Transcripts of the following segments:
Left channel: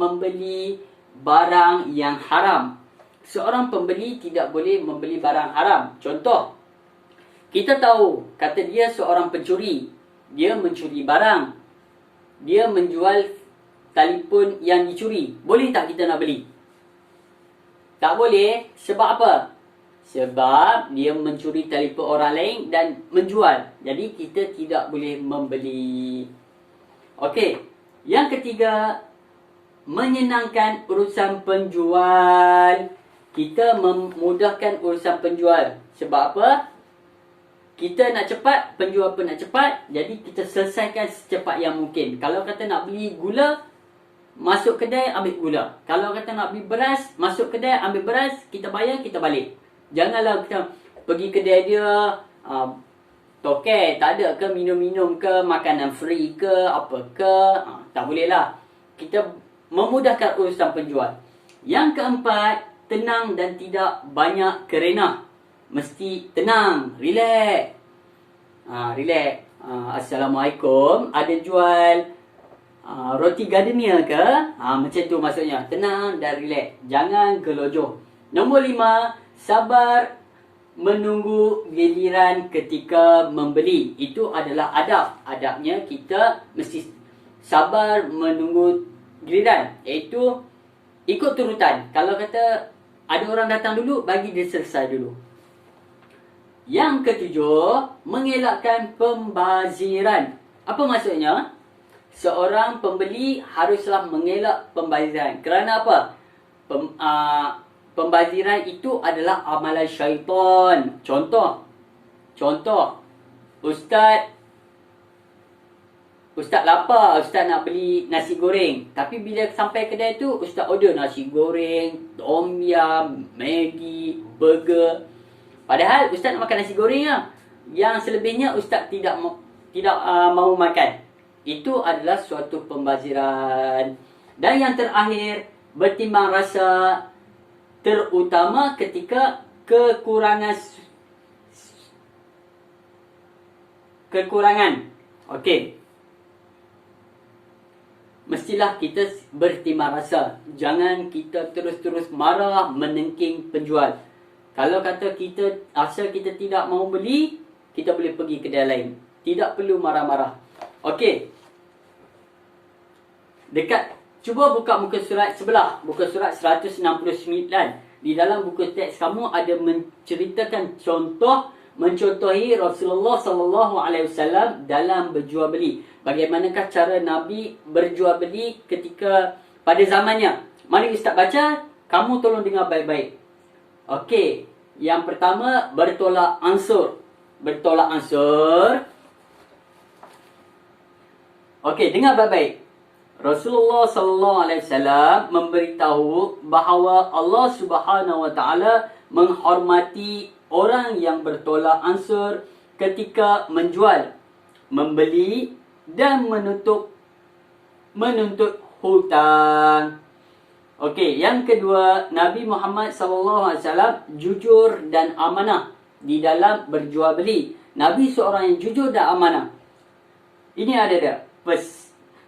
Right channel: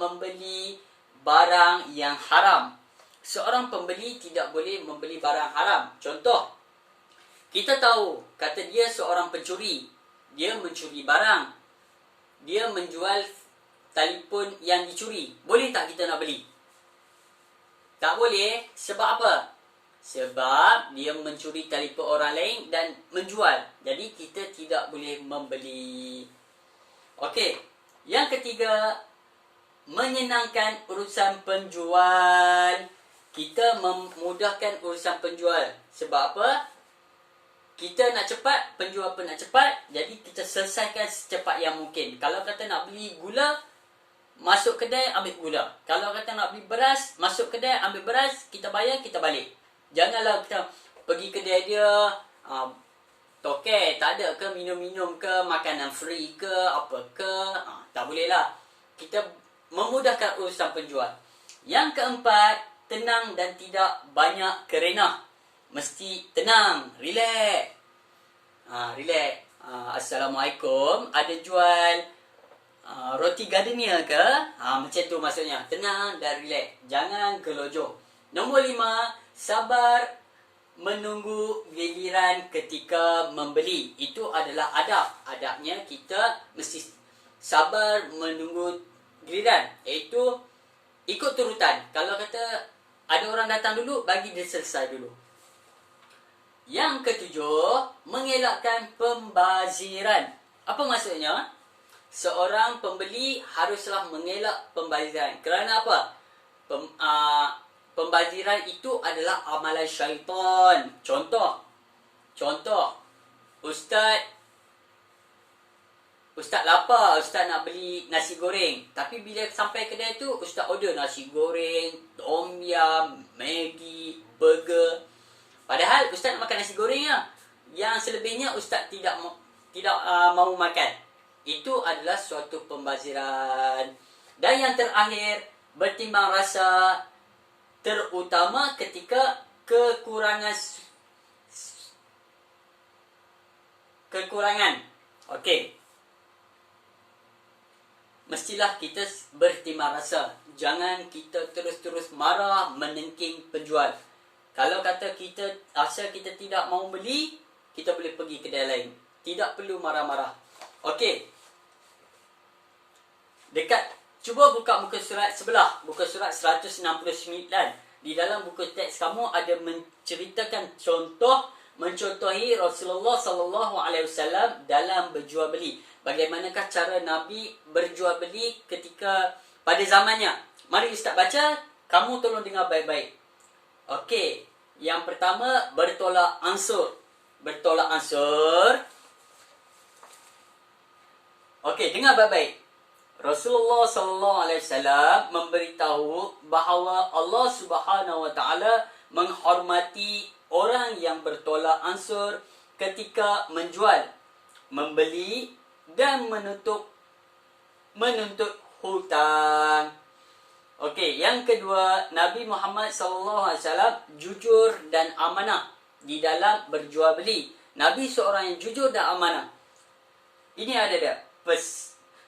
membeli barang yang haram. Seorang pembeli tidak boleh membeli barang haram. Contoh, kita tahu, kata dia seorang pencuri. Dia mencuri barang. Dia menjual telefon yang dicuri. Boleh tak kita nak beli? Tak boleh. Sebab apa? Sebab dia mencuri telefon orang lain dan menjual. Jadi kita tidak boleh membeli. Okey. Yang ketiga, menyenangkan urusan penjual. Kita memudahkan urusan penjual. Sebab apa? Kita nak cepat, penjual pun nak cepat. Jadi kita selesaikan secepat yang mungkin. Kalau kata nak beli gula, masuk kedai ambil gula. Kalau kata nak beli beras, masuk kedai ambil beras, kita bayar, kita balik. Janganlah kita pergi kedai dia, token tak ada ke, minum-minum ke, makanan free ke, apa ke. Tak boleh lah. Kita memudahkan urusan penjual. Yang keempat, tenang dan tidak banyak kerenah. Mesti tenang, relax. Relax. Assalamualaikum, ada jual roti gardenia ke? Macam tu maksudnya. Tenang dan relax. Jangan gelojoh. Nombor 5, sabar menunggu giliran ketika membeli. Itu adalah adab. Adabnya kita mesti sabar menunggu giliran. Iaitu ikut turutan. Kalau kata ada orang datang dulu, bagi dia selesai dulu. Yang ketujuh, mengelakkan pembaziran. Apa maksudnya? Seorang pembeli haruslah mengelak pembaziran. Kerana apa? Pembaziran itu adalah amalan syaitan. Contoh, Ustaz lapar, Ustaz nak beli nasi goreng. Tapi bila sampai kedai tu, Ustaz order nasi goreng, tom yum, Maggi, burger. Padahal Ustaz nak makan nasi goreng lah. Yang selebihnya Ustaz tidak mahu makan. Itu adalah suatu pembaziran. Dan yang terakhir, bertimbang rasa, terutama ketika kekurangan. Okey. Mestilah kita bertimbang rasa. Jangan kita terus-terus marah, menengking penjual. Kalau kata kita asal kita tidak mahu beli, kita boleh pergi kedai lain. Tidak perlu marah-marah. Okey. Cuba buka muka surat sebelah. Muka surat 169. Di dalam buku teks kamu ada menceritakan mencontohi Rasulullah SAW dalam berjual beli. Bagaimanakah cara Nabi berjual beli ketika pada zamannya? Mari Ustaz baca, kamu tolong dengar baik-baik. Okey, yang pertama bertolak ansur. Okey, dengar baik-baik. Rasulullah SAW memberitahu bahawa Allah Subhanahu Wa Taala menghormati orang yang bertolak ansur ketika menjual, membeli dan menuntut hutang. Okey, yang kedua, Nabi Muhammad SAW jujur dan amanah di dalam berjual beli. Nabi seorang yang jujur dan amanah. Ini ada dia.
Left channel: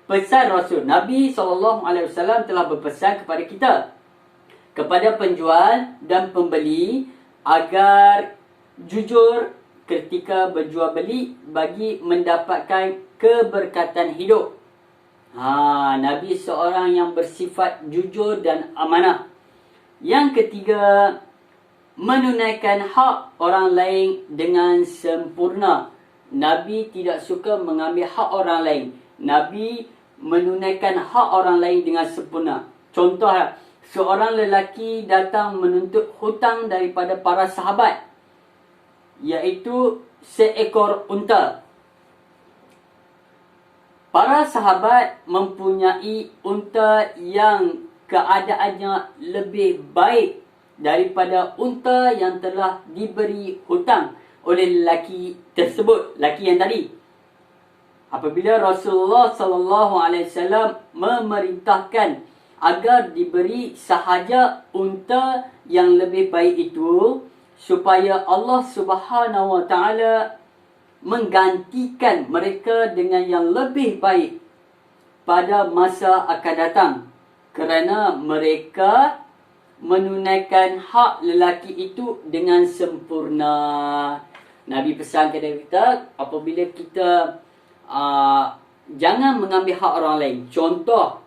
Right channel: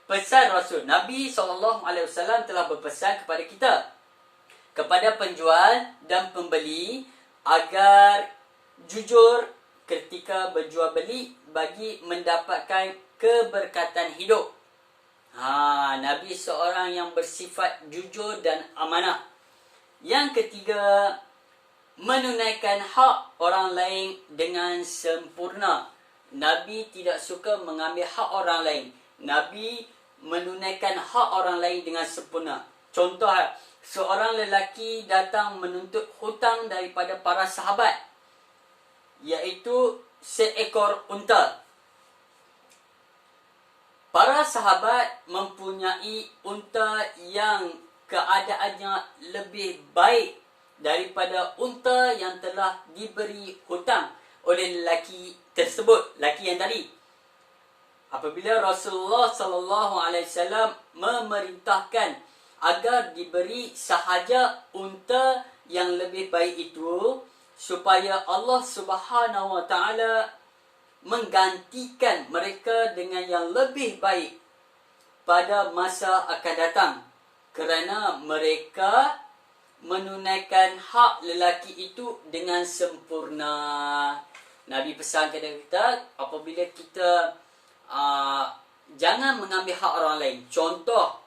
Pesan Rasul. Nabi SAW telah berpesan kepada kita, kepada penjual dan pembeli, agar jujur ketika berjual beli bagi mendapatkan keberkatan hidup. Nabi seorang yang bersifat jujur dan amanah. Yang ketiga, menunaikan hak orang lain dengan sempurna. Nabi tidak suka mengambil hak orang lain. Nabi menunaikan hak orang lain dengan sempurna. Contoh, seorang lelaki datang menuntut hutang daripada para sahabat, iaitu seekor unta. Para sahabat mempunyai unta yang keadaannya lebih baik daripada unta yang telah diberi hutang oleh lelaki tersebut, lelaki yang tadi. Apabila Rasulullah SAW memerintahkan agar diberi sahaja unta yang lebih baik itu, supaya Allah Subhanahu Wa Taala menggantikan mereka dengan yang lebih baik pada masa akan datang. Kerana mereka menunaikan hak lelaki itu dengan sempurna. Nabi pesan kepada kita, apabila kita jangan mengambil hak orang lain. Contoh,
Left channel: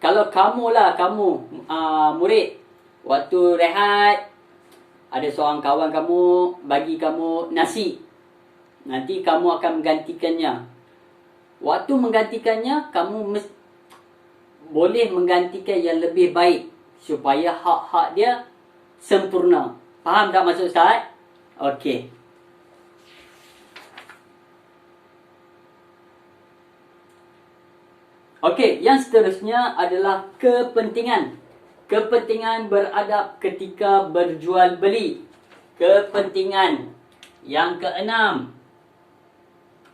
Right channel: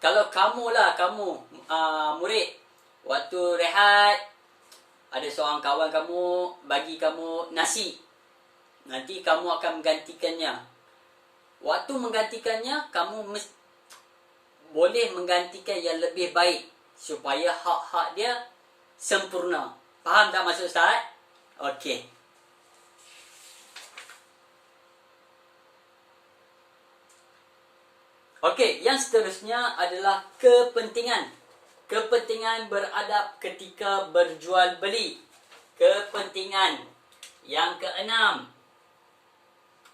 kalau kamu murid, waktu rehat ada seorang kawan kamu bagi kamu nasi, nanti kamu akan menggantikannya. Waktu menggantikannya, kamu boleh menggantikan yang lebih baik supaya hak-hak dia sempurna. Faham tak maksud Ustaz? Okey. Okey, yang seterusnya adalah kepentingan. Kepentingan beradab ketika berjual beli. Kepentingan yang keenam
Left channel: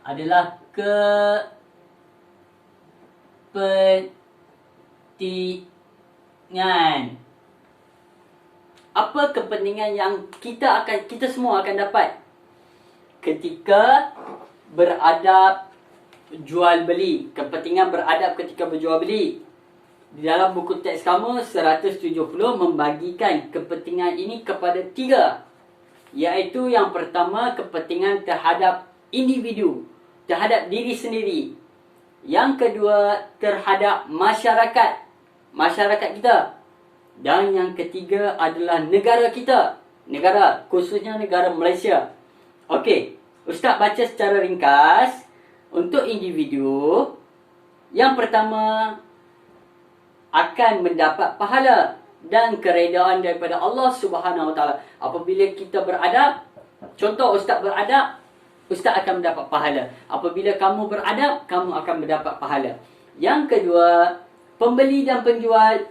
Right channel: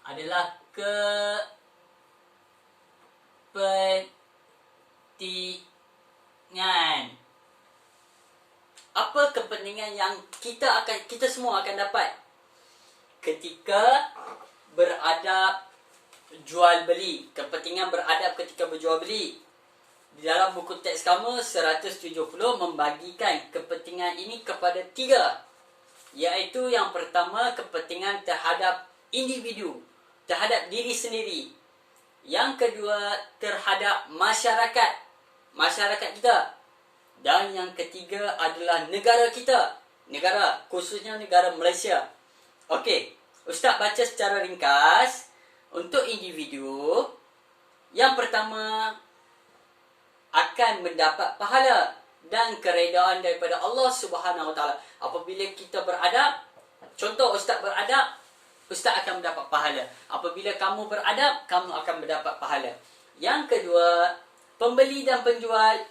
adalah kepentingan. Apa kepentingan yang kita semua akan dapat ketika beradab jual beli? Kepentingan beradab ketika berjual beli. Di dalam buku teks kamu 170 membagikan kepentingan ini kepada 3. Iaitu yang pertama, kepentingan terhadap individu, terhadap diri sendiri. Yang kedua, terhadap masyarakat kita. Dan yang ketiga adalah negara kita. Khususnya negara Malaysia. Okey, Ustaz baca secara ringkas. Untuk individu, yang pertama akan mendapat pahala dan keredaan daripada Allah Subhanahu Wa Taala. Apabila kita beradab, contoh Ustaz beradab, Ustaz akan mendapat pahala. Apabila kamu beradab, kamu akan mendapat pahala. Yang kedua, pembeli dan penjual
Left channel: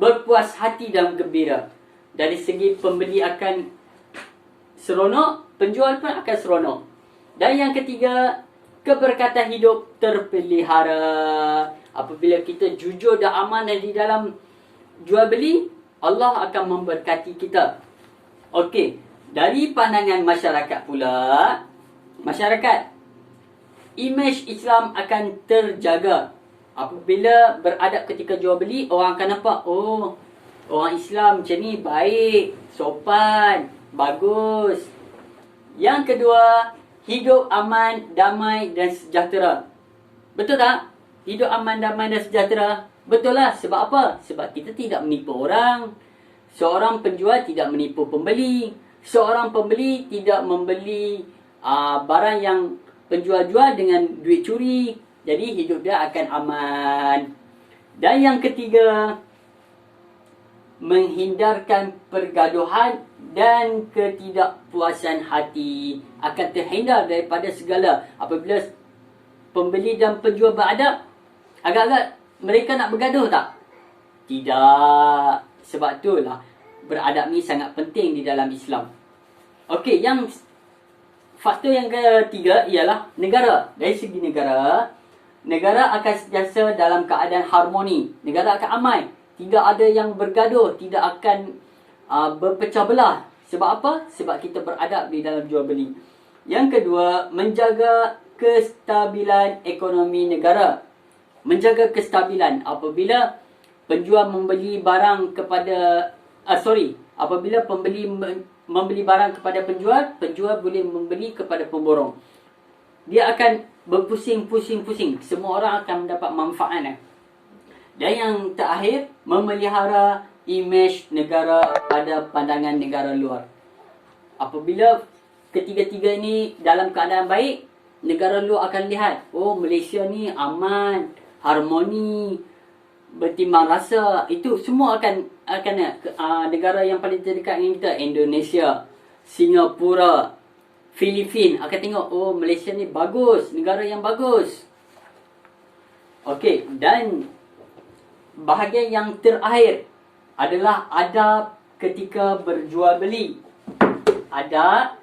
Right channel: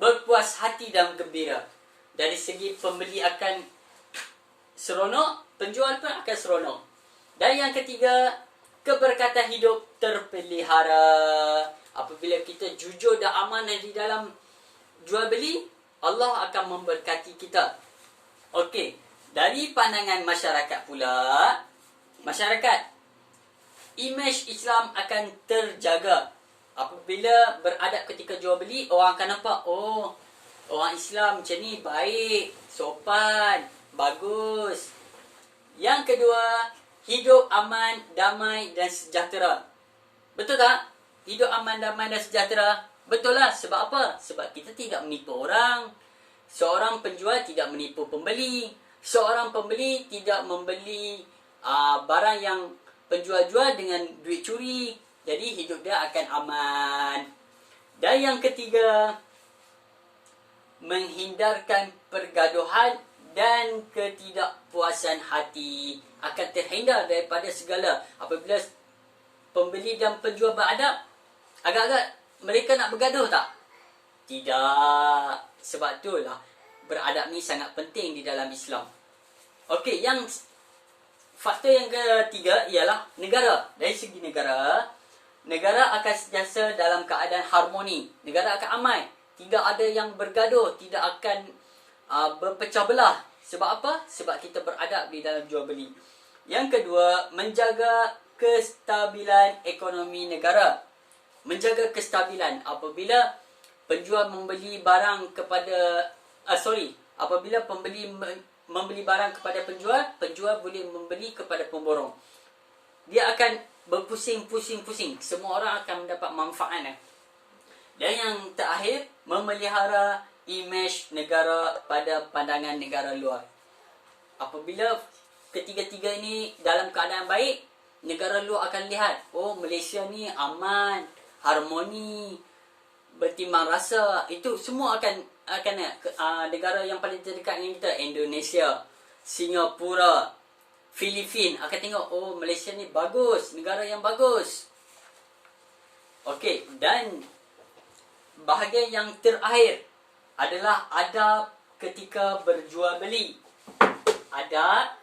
berpuas hati dan gembira. Dari segi pembeli akan seronok, penjual pun akan seronok. Dan yang ketiga, keberkatan hidup terpelihara. Apabila kita jujur dan amanah di dalam jual beli, Allah akan memberkati kita. Okey, dari pandangan masyarakat pula, imej Islam akan terjaga. Apabila beradab ketika jual beli, orang akan nampak, oh, orang Islam macam ni baik, sopan, bagus. Yang kedua, hidup aman, damai dan sejahtera. Betul tak? Hidup aman, damai dan sejahtera. Betul lah. Sebab apa? Sebab kita tidak menipu orang. Seorang penjual tidak menipu pembeli. Seorang pembeli tidak membeli barang yang penjual jual dengan duit curi. Jadi hidup dia akan aman. Dan yang ketiga, menghindarkan pergaduhan dan ketidakpuasan hati. Akan terhindar daripada segala. Apabila pembeli dan penjual beradab, agak-agak mereka nak bergaduh tak? Tidak. Sebab itulah beradab ni sangat penting di dalam Islam. Okey, yang faktor yang ketiga ialah negara. Dari segi negara akan sentiasa dalam keadaan harmoni. Negara akan aman. Tidak ada yang bergaduh, tidak akan berpecah belah. Sebab apa? Sebab kita beradab di dalam jual beli. Yang kedua, menjaga kestabilan ekonomi negara. Menjaga kestabilan. Apabila penjual membeli barang kepada apabila pembeli membeli barang kepada penjual, penjual boleh membeli kepada pemborong. Dia akan berpusing-pusing. Semua orang akan mendapat manfaat. Dan yang terakhir, memelihara imej negara pada pandangan negara luar. Apabila ketiga-tiga ini dalam keadaan baik, negara luar akan lihat, oh, Malaysia ni aman, harmoni, bertimbang rasa. Itu semua akan negara yang paling terdekat dengan kita, Indonesia, Singapura, Filipina akan tengok, oh, Malaysia ni bagus, negara yang bagus. Okey, dan bahagian yang terakhir adalah adab ketika berjual beli. Adab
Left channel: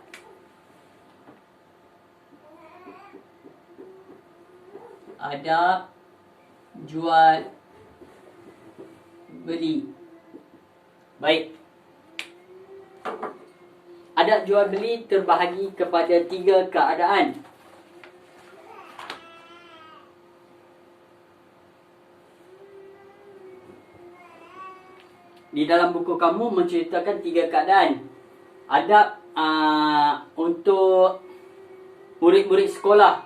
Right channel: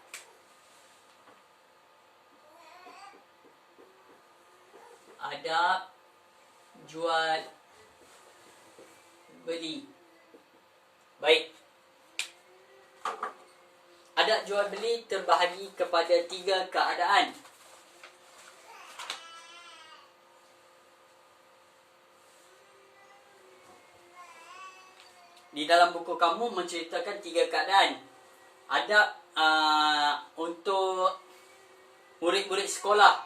jual beli. Baik. adab jual beli terbahagi kepada 3 keadaan. Di dalam buku kamu menceritakan 3 keadaan adab untuk murid-murid sekolah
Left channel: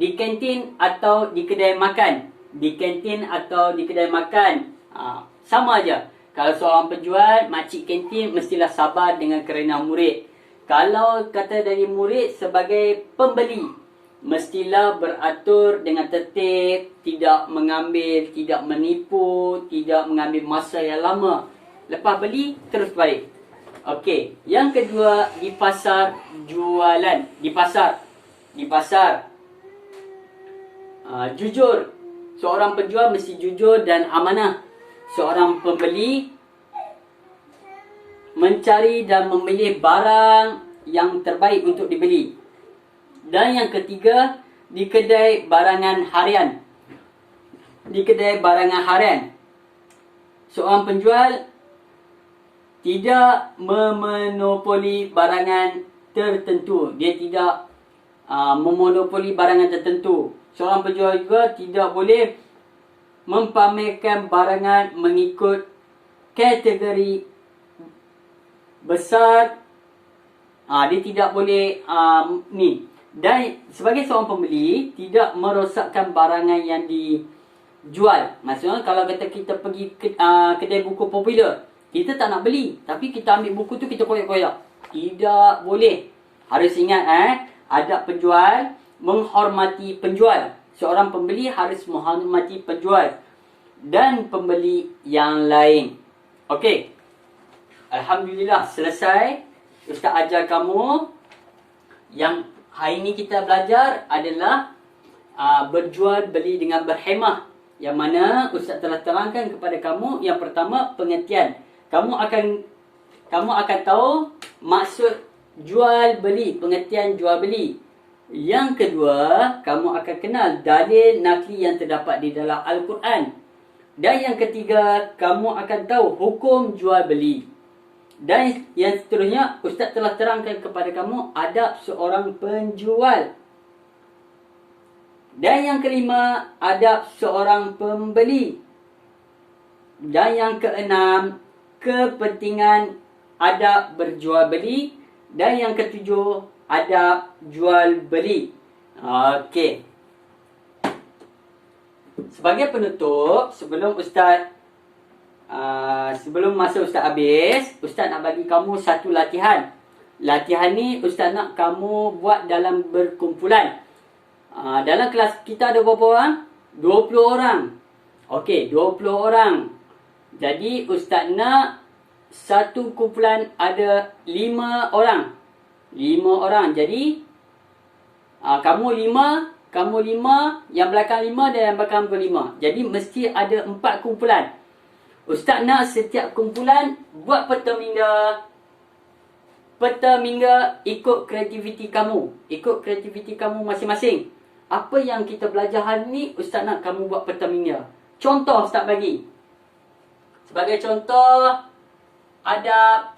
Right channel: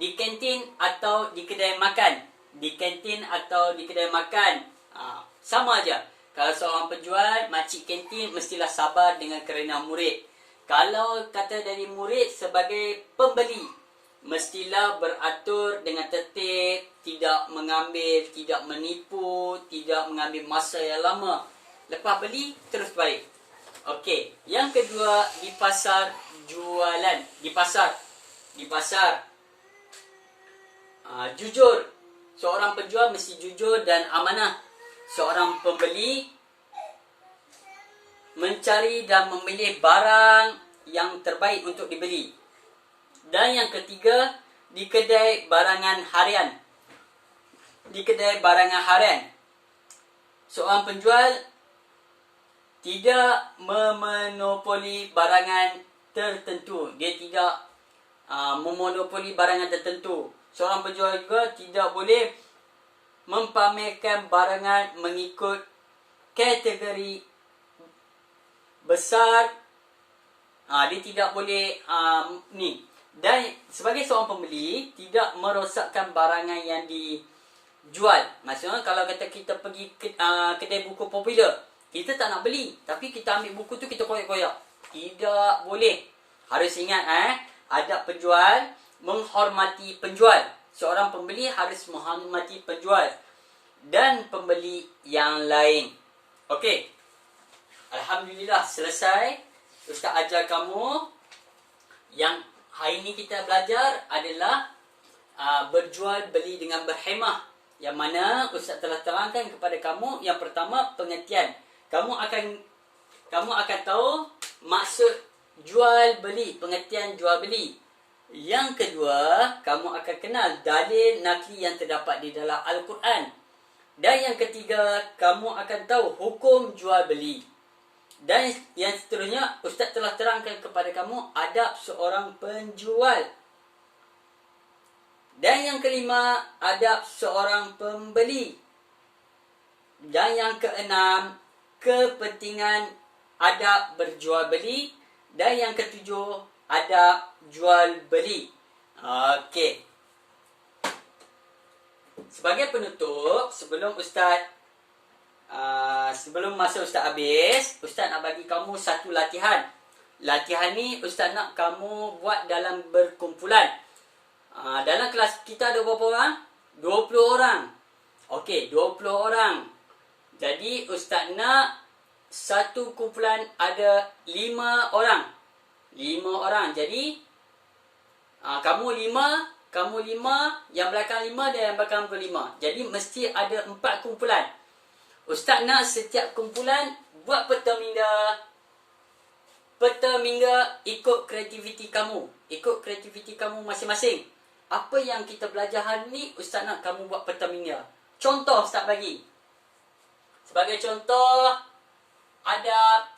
di kantin atau di kedai makan. Di kantin atau di kedai makan, sama aja. Kalau seorang penjual, makcik kantin mestilah sabar dengan kerana murid. Kalau kata dari murid sebagai pembeli, mestilah beratur dengan tertib, tidak mengambil, tidak menipu, tidak mengambil masa yang lama. Lepas beli, terus baik. Okey, yang kedua, di pasar jualan. Di pasar. Jujur. Seorang penjual mesti jujur dan amanah. Seorang pembeli mencari dan memilih barang yang terbaik untuk dibeli. Dan yang ketiga, di kedai barangan harian. Seorang penjual tidak memonopoli barangan tertentu. Dia tidak memonopoli barangan tertentu. Seorang penjual juga tidak boleh mempamerkan barangan mengikut kategori besar. Dia tidak boleh ni. Dan sebagai seorang pembeli, tidak merosakkan barangan yang dijual. Maksudnya kalau kata kita pergi kedai buku popular, kita tak nak beli, tapi kita ambil buku tu, kita koyak-koyak. Tidak boleh. Harus ingat adab penjual, menghormati penjual. Seorang pembeli harus menghormati penjual dan pembeli yang lain. Okey. Alhamdulillah, selesai. Ustaz ajar kamu. Yang hari ini kita belajar adalah berjual beli dengan berhemah. Yang mana Ustaz telah terangkan kepada kamu. Yang pertama, pengertian. Kamu akan tahu maksud jual beli, pengertian jual beli. Yang kedua, kamu akan kenal dalil nakli yang terdapat di dalam Al-Quran. Dan yang ketiga, kamu akan tahu hukum jual beli. Dan yang seterusnya, Ustaz telah terangkan kepada kamu adab seorang penjual. Dan yang kelima, adab seorang pembeli. Dan yang keenam, kepentingan adab berjual beli. Dan yang ketujuh, adab jual beli. Okey. Sebagai penutup, sebelum masa Ustaz habis, Ustaz nak bagi kamu satu latihan. Latihan ni Ustaz nak kamu buat dalam berkumpulan. Dalam kelas kita ada berapa orang? 20 orang. Okey, 20 orang. Jadi Ustaz nak satu kumpulan ada 5 orang. 5 orang. Jadi kamu 5, yang belakang 5 dan yang belakang 5. Jadi mesti ada 4 kumpulan. Ustaz nak setiap kumpulan buat peta minda. Peta minda ikut kreativiti kamu. Ikut kreativiti kamu masing-masing. Apa yang kita belajar hari ni, Ustaz nak kamu buat peta minda. Contoh Ustaz bagi. Sebagai contoh, ada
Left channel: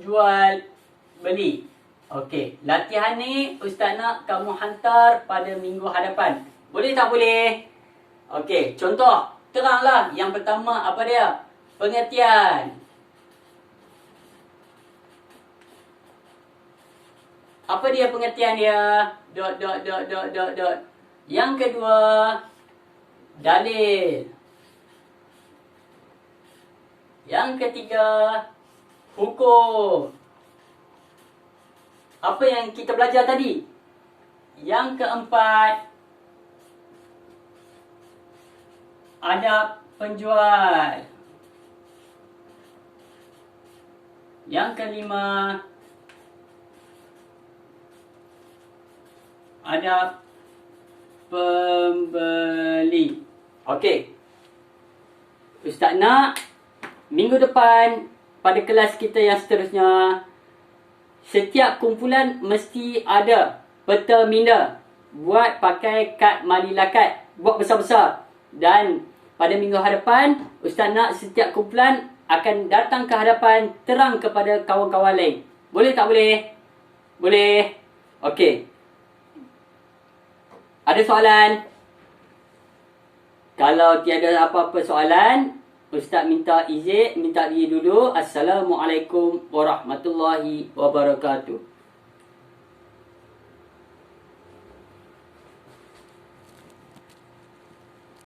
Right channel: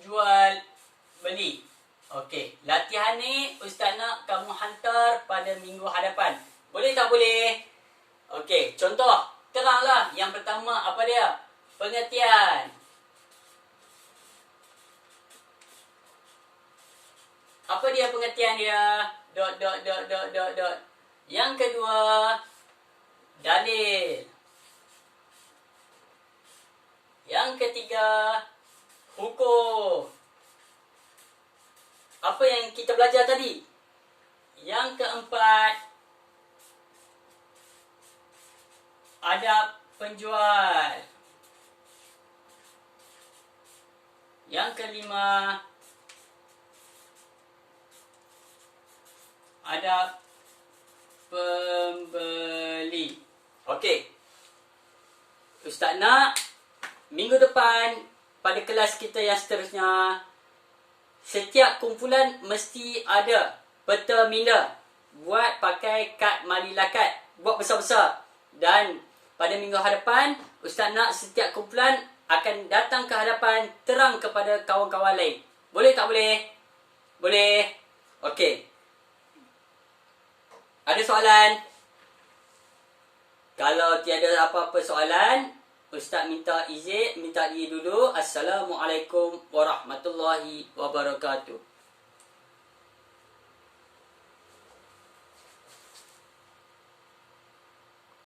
jual beli. Okey, latihan ni Ustaz nak kamu hantar pada minggu hadapan. Boleh tak boleh? Okey, contoh. Teranglah. Yang pertama apa dia? Pengertian. Apa dia pengertian dia? ... Yang kedua, dalil. Yang ketiga, hukum. Apa yang kita belajar tadi? Yang keempat, adab penjual. Yang kelima, adab pembeli. Okey. Ustaz nak minggu depan pada kelas kita yang seterusnya, setiap kumpulan mesti ada peta minda. Buat pakai kad malilakat. Buat besar-besar. Dan pada minggu hadapan, Ustaz nak setiap kumpulan akan datang ke hadapan terang kepada kawan-kawan lain. Boleh tak boleh? Boleh. Okey. Ada soalan? Kalau tiada apa-apa soalan, Ustaz minta izin, minta diri dulu. Assalamualaikum warahmatullahi wabarakatuh.